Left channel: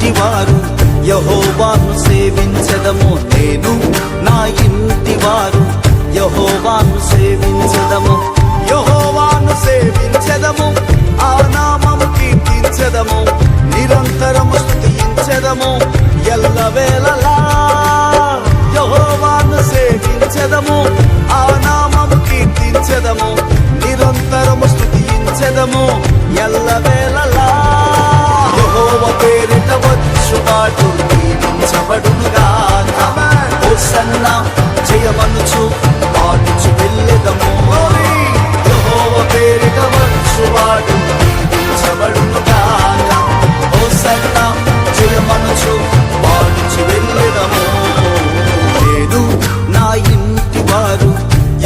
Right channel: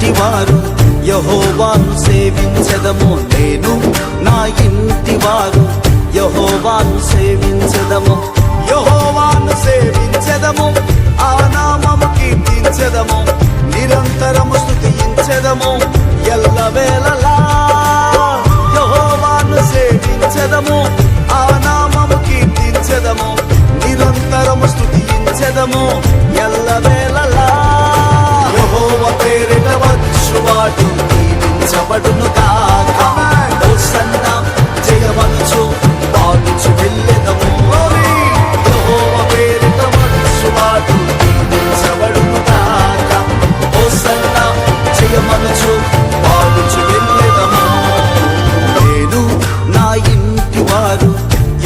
ఇంటి వారు యెహోవాను సేవించెదము. నేను నా ఇంటి వారు యెహోవాను సేవించెదము. యెహోవాను సేవించెదము, ఆ నామము కీర్తించెదము, నిరంతరము స్తుతించెదము ఎల్లవేళలా. యెహోవాను సేవించెదము, ఆ నామము కీర్తించెదము, నిరంతరము స్తుతించెదము ఎల్లవేళలా. యెహోవా పేరిట వచ్చువాడు దీవించబడునుగాక. హోసన్నా జయమనుచు పాడుచు వెళ్ళెదము. యెహోవా పేరిట వచ్చువాడు దీవించబడునుగాక. హోసన్నా జయమనుచు పాడుచు వెళ్ళెదము. నేను నా ఇంటి వారు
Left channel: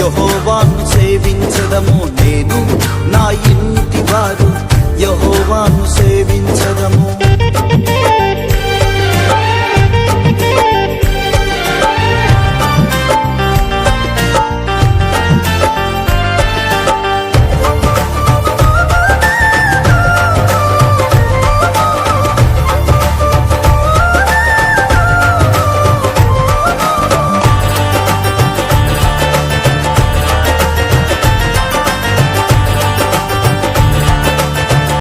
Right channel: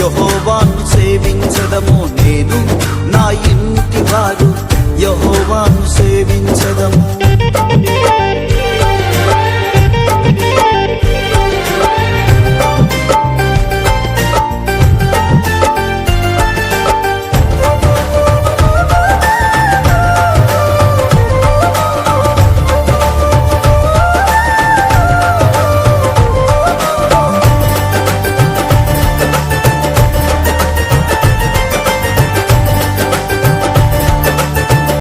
యెహోవాను సేవించెదము. నేను నా ఇంటి వారు యెహోవాను సేవించెదము.